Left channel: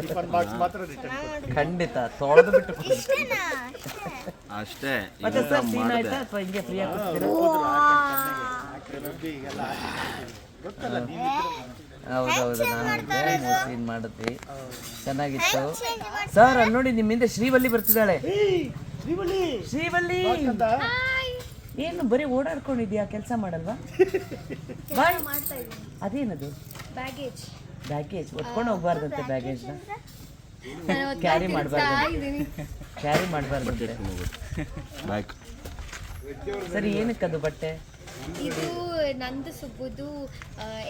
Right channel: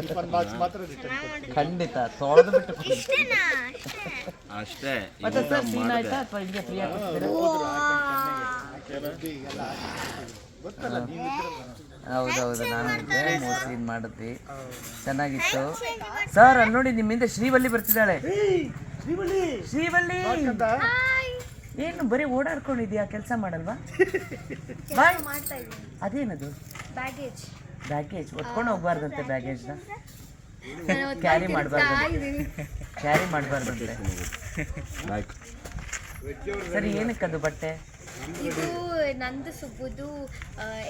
Tiffin box ಮಾತ್ರ return ಕೊಡ್ತೀನಿ. ಖಂಡಿತ ತೊಳೆದು ಬಿಟ್ಟು ಅಷ್ಟೇ. ಮತ್ತೆ ಸರ್ ಸೀನ್ ಆಯ್ತಾ ಅಥವಾ ಹಿಂಗೆ ಫ್ರೀ ಆಗಿ ಹೋದ್ರು ಹಾಕಿ ರುಬ್ಬಿ ಈಗೆಲ್ಲ ಹಾಕಿ ಗೊತ್ತಲ್ಲ ನೀವಿದ್ರಲ್ಲ. ಹೌದೌದು, ನಾನು ಇದ್ದೆ, ಮೋಸ್ಟ್ಲಿ ಮಾಡಿದ್ವಿ, ಚೆನ್ನಾಗಿತ್ತು ಸರ್. ಅಲ್ಲಿ ನೋಡಿ ನಿಮ್ಮ ಹಿಂದೆ ಶ್ರೀವಲ್ಲಿ ಬರ್ತಿದ್ದಾಳೆ. ಶ್ರೀವಲ್ಲಿ ಏನು ಬರೀ ಓಡಾಡ್ಕೊಂಡಿದ್ಯಾ, ಕೆಲಸ ಮಾಡಲ್ವಾ? ಬಾಯ್, ಅದೇನದು? ಬ್ಯಾಗೇಜ್ ಒತ್ಕೊಂಡು ಹೋಗ್ಬಾರ್ದಂತೆ, ಬ್ಯಾಗೇಜ್ನ ಕ್ಯಾರಿ ಮಾಡಬಾರ್ದಂತೆ. ಸರಿ, ಏನಕ್ಕದು ಬಟ್ಟೆ? ಇದು ನಂದು ಸುಬ್ಬುದು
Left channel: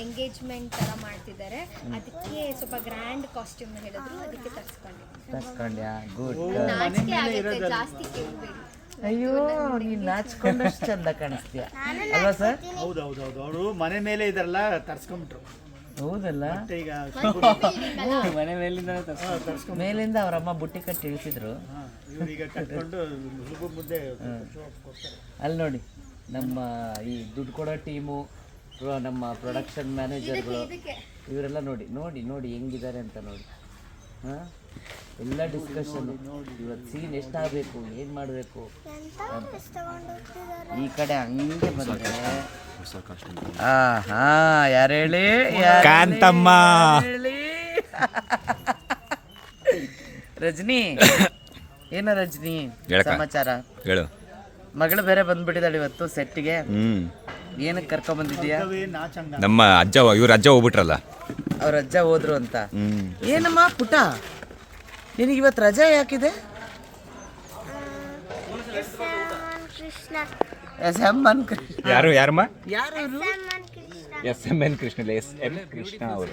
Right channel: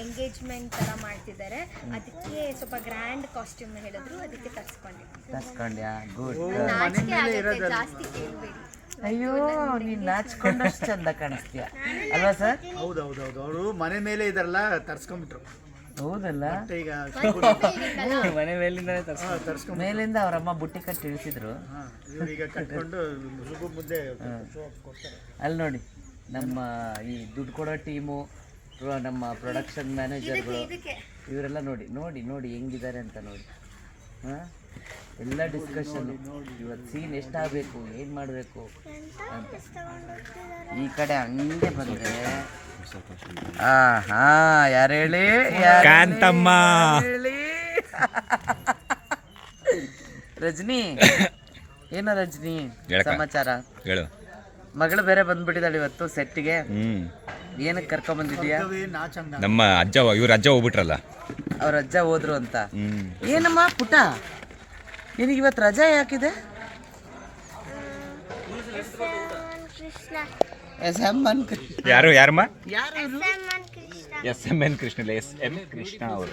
ಎಂಗೇಜ್ಮೆಂಟ್ ತರ ಮಾಡ್ತಿದ್ದಾರೆ, ಅದಕ್ಕೆ ಸ್ವಲ್ಪ ಗ್ರ್ಯಾಂಡ್ ಕಾಸ್ಟ್ಯೂಮ್ ಹೇಳಿದ್ರು, ಅದಕ್ಕೆ ತರ್ಸ್ಕೊಂಡ್ಯಾ? ಗುಡ್. ನಾಚಿಕೆ ಆಗುತ್ತೆ, ಜಾಸ್ತಿ ಕೇಳಬೇಡಿ. ಅಯ್ಯೋ, ನೀನ್ ನಾಚ್ಕೊಂಡಷ್ಟು ಚಂದ ಕಾಣಿಸ್ತೀಯ ಅಲ್ವಾ ಸರ್? ಹೌದೌದೌದು, ಅವರು ಮನೆ ಮೇಲೆ ಇದೆಲ್ಲ ತರ್ಸ್ಕೊಂಡ್ಬಿಟ್ರು. ಹೌದಲ್ಲ, ಈಗ ಮನೆ ಮೇಲಿಂದ ಅವರಮ್ಮ ಬುಟ್ಟಿ ಕಟ್ಟಿ ಇಳಿಸಿದ್ರು. ಇವ್ರೀಗ ಕಟ್ಕೊಂಡು ಮುದ್ದೆ ಅಲ್ಲಿ ನೋಡಿ, ನಮ್ಮ ಈ ದುಡ್ಡು ಕೊಡೋ ಟೀಮು, ನಮ್ಮ ಪ್ರೊಡಕ್ಷನ್ ಮ್ಯಾನೇಜರ್ಗಳು, ಇವರೆಲ್ಲ ನೋಡಿ ನೋಡಿ ನೋಡಿ ಹೆಂಗಿದ್ದಾರೆ ಅಂತ ನೋಡಿ. ಹಾಂ, ಎಲ್ಲ ಡಿಸ್ಕಷನ್, ಇವತ್ತು ಸೀನ್ ಎಷ್ಟಾಗಬೇಕು, ಏನು ಮಾಡಬೇಕು ಅಂತ. ಈ ಕಡೆ ಹಂಗೆ ಬಂದರೆ ಯಾರು ಹೇಳಿ? ಕಾಂತಮ್ಮ ಹೇಳಿ. ರಜನಿ, ಏನ ರಜನಿ ಸಮಾಚಾರ? ಹೇಳು. ಮಗಳು ಬೇರೆ ಬಂದ್ಬಿಟ್ಟಿದ್ದಾಳೆ ಇವತ್ತು ಸೆಟ್ಗೆ. ಏನಕ್ಕೆ ಕರ್ಕೊಂಡ್ ಬಂದಿದ್ಯಾ? ನಮ್ಮ ಅಜ್ಜ, ಇವ್ರ ಅಜ್ಜ ಹೋಗ್ಬಿಟ್ರಲ್ಲ, ಅವ್ರ ಅಜ್ಜ ಹೋದ್ರು ಅಂತ. ಏನಮ್ಮ ಪುಟ್ಟ, ನಿನಗೆ ಇವತ್ತು ರಜೆ ಯಾಕಿದೆ? ಯಾರು? ಯಾರಮ್ಮ? SMN ಕೃಷ್ಣ ಇಲ್ಲ, SM ಕೃಷ್ಣ ಅವರು.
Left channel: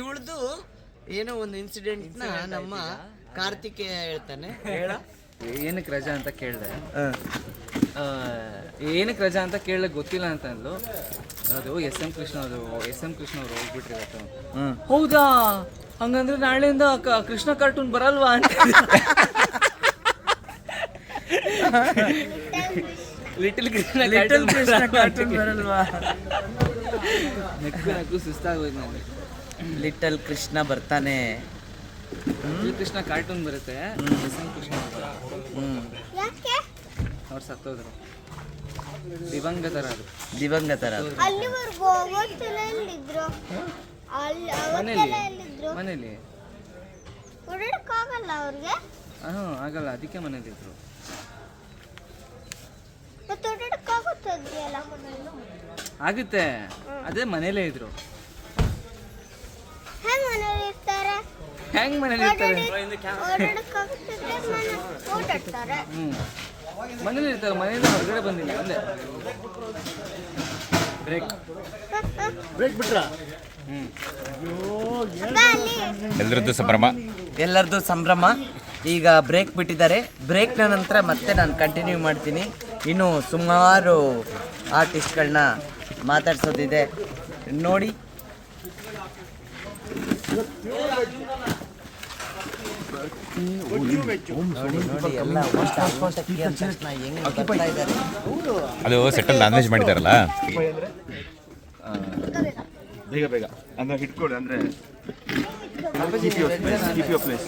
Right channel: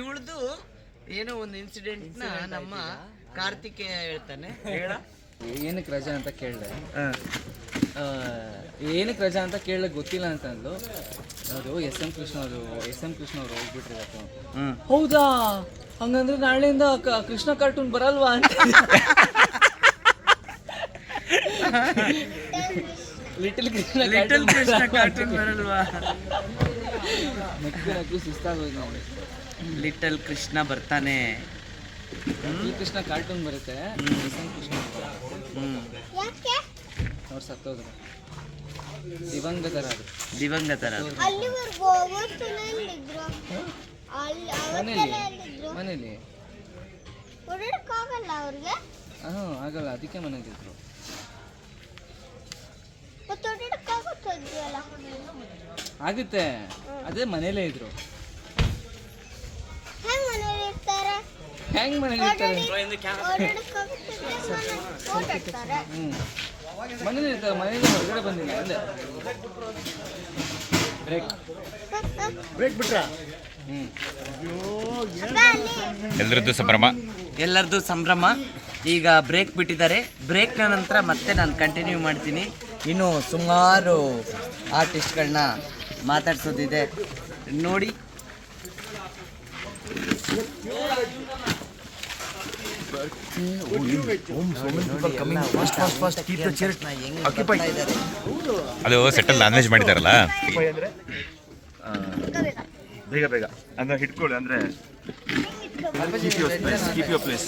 ಇವಳ್ದು ಏನೋ ಒಂದು ಇನ್ಸಿಡೆಂಟ್ ನಮ್ಮ ಕಾರ್ತಿಕೇಯ ಹೇಳ್ತಾನೆ. ಏನಕ್ಕೆ ರಜಾ ಅಂತ ಕೇಳಿದೆ, ಏನಕ್ಕೆ ರಜಾ ಅಂತ ಕೇಳಿದ್ರೆ ಗೊತ್ತಿಲ್ಲ ಅಂತ ಅಂದ್ಲು. ಅದು SM ಕೃಷ್ಣ ಅವರು ಹೋಗ್ಬಿಟ್ರಿ ಇವತ್ತು. ಹೌದಾ, ಹಂಗಂದ್ರೆ ನಾಳೆಯಿಂದ ಕೃಷ್ಣ ಕಾರ್ಟೂನ್ ಬರಲ್ವಾ ಅಂತ. ಲಿಟಲ್ ಕೃಷ್ಣ ಕಾರ್ಟೂನ್ ಬರಲ್ವಾ? ನಕ್ಕು ಸುಸ್ತಾಗೋಯ್ತು ನನಗೆ. ಲಿಟಲ್ ಕೃಷ್ಣ ಬರ್ತಾನೆ, ಲಿಟಲ್ ಕೃಷ್ಣ ಕಾರ್ಟೂನ್ ಬರುತ್ತೆ, SM ಕೃಷ್ಣ ಅವ್ರು ಸತ್ತೋದ್ರು, ದಿವಂಗತರಾದ್ರು. ಮನೇಲಿ ಆಗಲ್ಲ, ಅದಕ್ಕೆ ಮನೇಲಿದ್ರು. ಆಗುತ್ತೆ, ಅದೇ ಮನೇಲೇ ಇದ್ರು. ಹೆಂಗ್ ಮನೇಲಿ ಇರ್ತಾರೆ? ಮನೇಲಿ ಇರ್ತಾರೆ, ಮನೇಲಿ ಹೊರಗಡೆ ಬಂದಿಲ್ಲ. ಅಲ್ಲೇ ಬ್ರೇಕ್ ಬಿಟ್ರ. ಎಲ್ಲರದ್ದು ಸಂಭ್ರಮ. ಈಗ ಬ್ರೇಕ್ ಬಿಟ್ಟಿದ್ದಾರೆ. ಬ್ರೇಕ್ನ ನಂತರ ಮತ್ತೆ ನಾನು ಕಂಟಿನ್ಯೂ ಮಾಡ್ತೀನಿ. ಇನ್ನು ಸುಮಾರು ಆರ್ಟಿಸ್ಟ್ಗಳನ್ನ ಮಾತಾಡ್ಸೋದಿದೆ ನೋಡಿ. ಅದು ಸೆಟಲ್ ನಾನ್ ವೆಜ್ ಮಾಡಿದಾರಲ್ಲ, ಬೇಗ ಬೇಗ ಅಂದ್ರೆ ಹಿಡ್ಕೊಳ್ಳಿ, ಅಂದ್ರೆ ಕೀಪ್ ಯುವರ್ ಪ್ಲೇಸ್.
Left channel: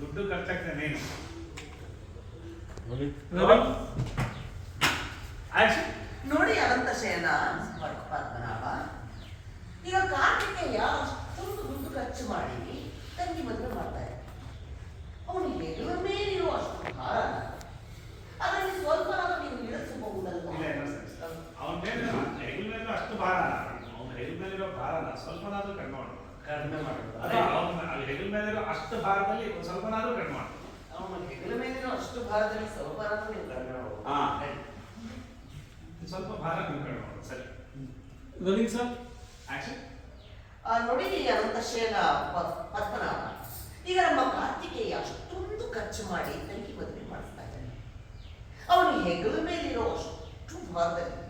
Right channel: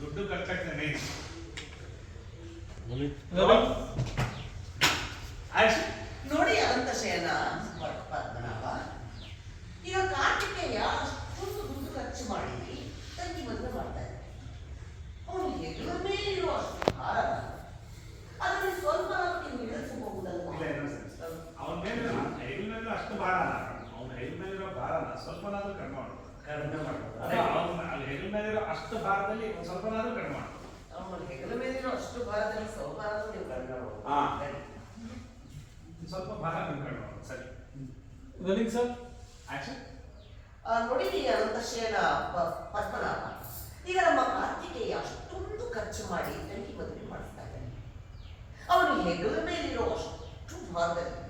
ದುಡ್ಡು ಖರ್ಚಾಗ್ತಾನೆ. ನೋಡಿ ಅನಂತ ಶಯನ ಪದ್ಮನಾಭ, ಈಗ ಕಾರ್ತಿಕೇಯ ಅಷ್ಟೊಂದು ದುಡ್ಡು ಖರ್ಚು ಮಾಡಿ ತಂಗಿ ಮದುವೆ ಮಾಡ್ತಾರೆ. ಅವನು ಹೆಗಲ ಮೇಲಿರುವ ಅಷ್ಟು ಭಾರ, ಅದರಲ್ಲಿ ಸ್ವಲ್ಪ ನೀವು ಇಳಿಸಬಹುದಲ್ಲ? ಅವನ ಹೆಗಲಿನಲ್ಲಿ ಅಷ್ಟು ಭಾರ, ಅವನ ಹೆಗಲಿನಲ್ಲಿರೋ ಭಾರನ ಸ್ವಲ್ಪನಾದ್ರೂ ಕಡಿಮೆ ಮಾಡಬೇಕು. ಅವನ ಹೆಗಲ ಮೇಲಿರೋ ಅಷ್ಟು ಭಾರದಲ್ಲಿ ಸ್ವಲ್ಪನಾದ್ರೂ ಕಡಿಮೆ ಮಾಡಬೇಕು. ಅವನ ಹೆಗಲ ಮೇಲಿರೋ ಅಷ್ಟು ಭಾರದಲ್ಲಿ ಸ್ವಲ್ಪ ನೀವು ಕಡಿಮೆ ಮಾಡಬಹುದು. ಸ್ವಲ್ಪ ಭಾರ ನೀವು ಕಡಿಮೆ ಮಾಡಬೇಕು. ಸರಿ, ರೋಲಿಂಗ್ ಸರ್, ಆಕ್ಷನ್. ನೋಡಿ ಅನಂತ ಶಯನ ಪದ್ಮನಾಭ, ಈಗ ನಮ್ಮ ಕಾರ್ತಿಕೇಯ ಅಷ್ಟೊಂದು ಖರ್ಚು ಮಾಡಿ ತಂಗಿ ಮದುವೆ ಮಾಡಿಸ್ತಾ ಇದ್ದಾನೆ. ಅವನು ಹೆಗಲ ಮೇಲಿರೋ ಅಷ್ಟು ಭಾರದಲ್ಲಿ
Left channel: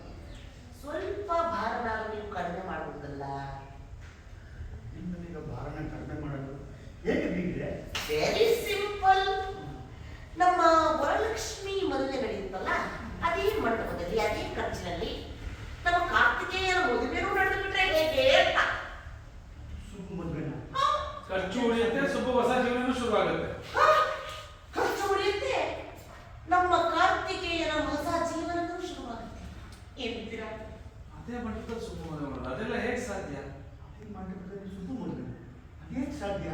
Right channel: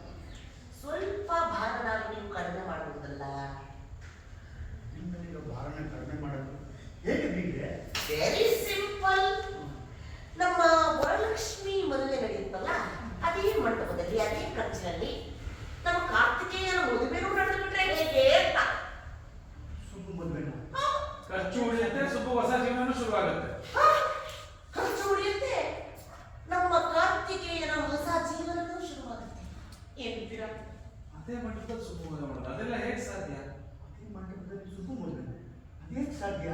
ಸ್ವಲ್ಪ ಭಾರನಾದ್ರೂ ನೀವು ಕಡಿಮೆ ಮಾಡುವುದಲ್ಲ? ಅಂಚಿನಲ್ಲಿ ನಮ್ಮ ಕಾರ್ತಿಕೇಯನ ಮದುವೆನೂ ನಡೆದು ಬಿಟ್ರೆ ಹೇಗೆ ಅಂತ. ಸುಬ್ಬು ಮದುವೆನ ಖರ್ಚು ಉಳಿಯುತ್ತೆ, ಸುಬ್ಬು ಹೊಸ ಜೀವನ ಶುರುವಾಗುತ್ತೆ. ಖರ್ಚು ಉಳಿಯುತ್ತೆ, ನಮ್ಮ ಕಾರ್ತಿಕೇಯನ ಹೊಸ ಜೀವನವೂ ಶುರುವಾಗುತ್ತೆ. ಏನಿದ್ದೀರಾ? ಅದೇ ಮಟ್ಟದಲ್ಲಿ ಸುಬ್ಬು ಮದುವೆ ಮಾಡೋದು, ಅದೆಲ್ಲ ಹೇಗೆ ಸಾಧ್ಯ? ಅದೇ ಮಂಟಪದಲ್ಲಿ ಸುಬ್ಬು ಮದುವೆ ಅದೇನು ಸಾಧ್ಯ?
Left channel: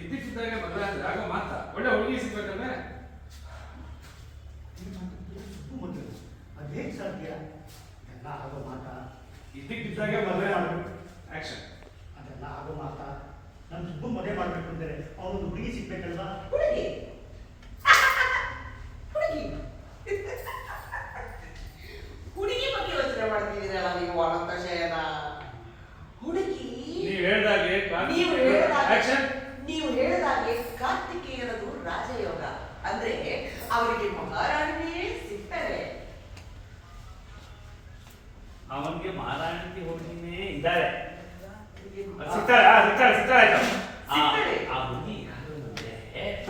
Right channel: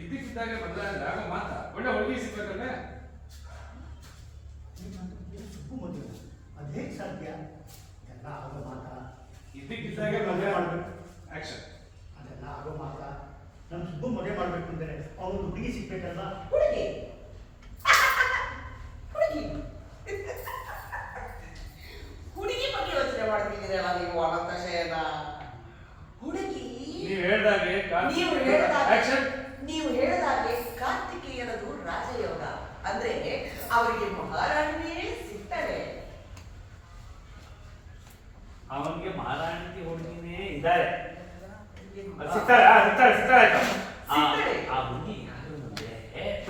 ಇದ್ದಕ್ಕಿದ್ದಾಗ ಮದುವೆ ಆಗ ಮಾತಾ ಒಳ್ಳೆ ಹುಡುಗಿ ಸಿಗ್ಬೇಕಂದ್ರೆ ಸುಬ್ಬು ಮದುವೆ ಅದೇನು ಸಾಧ್ಯ? ಎಲ್ಲ ಆಗೋ ಮಾತಾ. ಇದ್ದಕ್ಕಿದ್ದಾಗ ಮದುವೆ ಮಾಡಬೇಕು. ಆಕ್ಷನ್. ಅದೆಲ್ಲ ಆಗೋ ಮಾತಾ. ನಾನು ಸುಬ್ಬು ಮದುವೆ ಮಾಡಬೇಕು ಅಂದರೆ ಅವನು ಹುಡುಗಿ ಸಿಗ್ಬೇಕಲ್ವಾ? ಹುಡುಗಿ ಹುಡುಗಿ ಹುಡುಗಿ ಬಗ್ಗೆ ಯೋಚನೆ ಮಾಡ್ತಿದ್ದೀರಲ್ಲ ನೀವು ಅನಂತ ಶಯನ. ಹುಡುಗಿ ನೀವು ಹೇಳ್ದಾಗೆ ಆಕ್ಷನ್. ನೀವು ಹೇಳಿದಾಗೆ ಕಾರ್ತಿಕೇಯನದು ರಾಜಯೋಗ, ಅಂದ್ರೆ ಅವರಿಗೆ ಮಹಾರಾಣಿಯೇ ಸಿಗ್ತಾರೆ. ಅವನಿಗೆ ಮಹಾರಾಣಿಗೆ ಹುಡುಗಿನೇ ಇದ್ದಾರೆ. ಸಿಗ್ತಾರೆ ಆಯ್ತು. ಆ ಹುಡುಗಿ ಯಾರು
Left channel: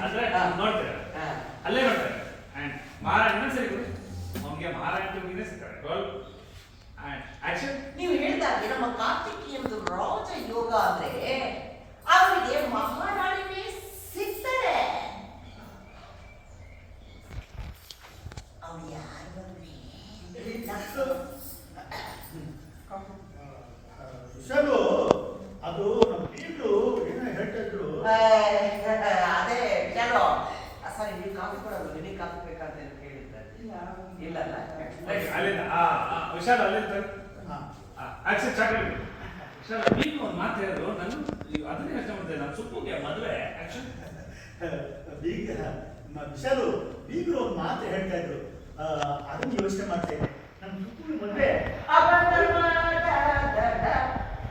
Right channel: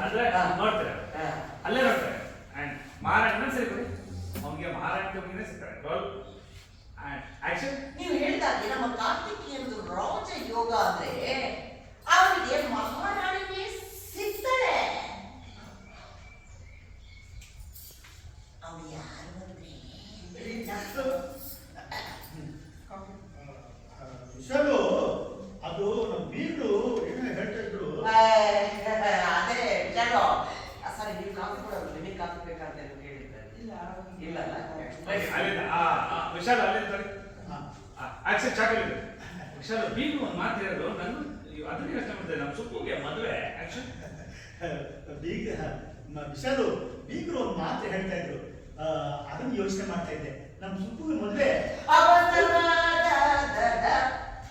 ಅಂದ್ರೆ ನೋಡ್ತಾರೆ, ಅಲ್ಲೇ ನೋಡ್ತಾರೆ. ಅಂಡ್ ಮಹಾರಾಣಿನ ಸಿಗ್ತಾರೆ, ಅವನಿಗೆ ಮಹಾರಾಣಿ ಹುಡುಗಿನೇ ಸಿಗ್ತಾರೆ. Roll and action. ನೀವು ಹೇಳಿದಾಗೆ ನಮ್ಮ ಕಾರ್ತಿಕೇಯನದು ರಾಜಯೋಗ ಅಂದ್ರೆ ಅವರಿಗೆ ಮಹಾರಾಣಿಯೇ ಸಿಗ್ತಾರೆ. ಅವ್ರು ಯಾರು ಅಂದ್ರೆ ವಿಶಾಲು, ಅದು ನಮ್ಮ ಬೀಗರು ಏನೋ ಹೇಳ್ತಾ ಇದ್ರು. ಅದೇ ಚಲೋ. ಸರಿ, ನೀವು ಕಾಫಿ ಕೊಡೋದು, ನಿಮಗೆ ಕಾಫಿ ಬೇಕಂತ ಕೇಳಿದ್ದಾರೆ. ಇಲ್ಲಲ್ಲ ಅಲ್ಲಿಂದ ವಿಶಾಲ ಅಲ್ಲಿಂದ ಆಕ್ಷನ್ ಚಾಕಲೇಟ್. ವಿಶಾಲ ನೀನು ಒಂದು ಮಾತು ಹೇಳೋದು, ನಾನು ಅದನ್ನೇ ಯೋಚನೆ ಮಾಡ್ತೇನೆ. ನಮ್ಮ ಸುಬ್ಬುಗೆ ಮದುವೆ ಆಕ್ಷನ್. ವಿಶಾಲು, ಬೀಗರು ಒಂದು ಮಾತು ಹೇಳ್ತಾ ಇದ್ರು, ಅದನ್ನು ಯೋಚನೆ ಮಾಡ್ತಾ ಇದ್ದೆ. ನಮ್ಮ ಸುಬ್ಬು ಮದುವೆ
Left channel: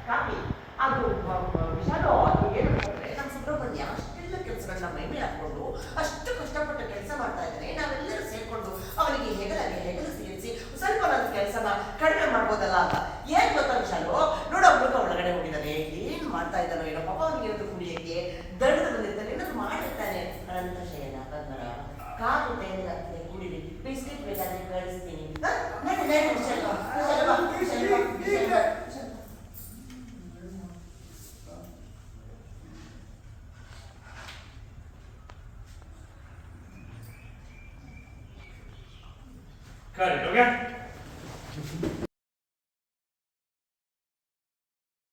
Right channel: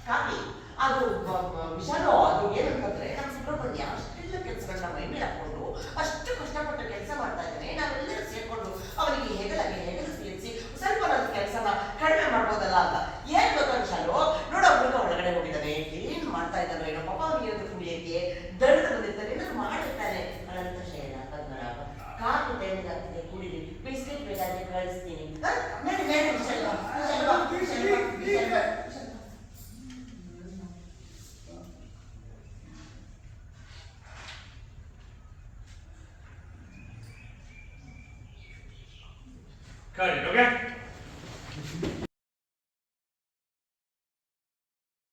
ಕಾಫಿ ಅದು ವಿಶಾಲು. ಅದು ಏನಂತಂದ್ರೆ ನಮ್ಮ ಸುಬ್ರಹ್ಮಣ್ಯ ಅಷ್ಟೆಲ್ಲ ಕೆಲಸಗಳನ್ನ ಮೈ ಮೇಲೆ ಹಾಕೊಂಡು ಅಷ್ಟು ಕಷ್ಟಪಟ್ಟು ಕೆಲಸ ಮಾಡ್ತಾ ಇದ್ದಾನೆ. ನಾವೆಲ್ಲರೂ ಸೇರ್ಕೊಂಡು ಅವನಿಗೆ ಹೆಗಲು ಸೇರಿಸಿ ಸ್ವಲ್ಪ ನನ್ನ ಕೆಲಸನ ಕಡಿಮೆ ಮಾಡ್ಬೋದಲ್ಲ ಅಂತ. ಏನ್ ಗೊತ್ತಾ ವಿಶಾಲು, ನೋಡ ಹುಡುಗ ಒಳಗಡೆ ಹೋಗಿದ್ದಾನೆ, ಏನ್ ಮಾಡ್ತಾ ಇದ್ದಾನೋ ಏನೋ, ಪಾಪ ಅವನಿಗೆ ಒಂದು ಕುಡಿಯಕ್ಕೆ ದಡದ ಬಂದಿರ್ತಾನೆ, ಏನಾದ್ರು ಮಾಡಿರ್ತಾನೆ. ಅನಂತ ಶಯನ ಬಂದ್ಮರ ಕಾಲು ತೈಲಿಗಾಗ್ತದೆ, ಕುಡಿಲಿ, ಬಿಸ್ಕೆಟ್ ಬೇಕಾದ್ರೆ ಕಳಿಸ್ತೀನಿ. Got it, okay?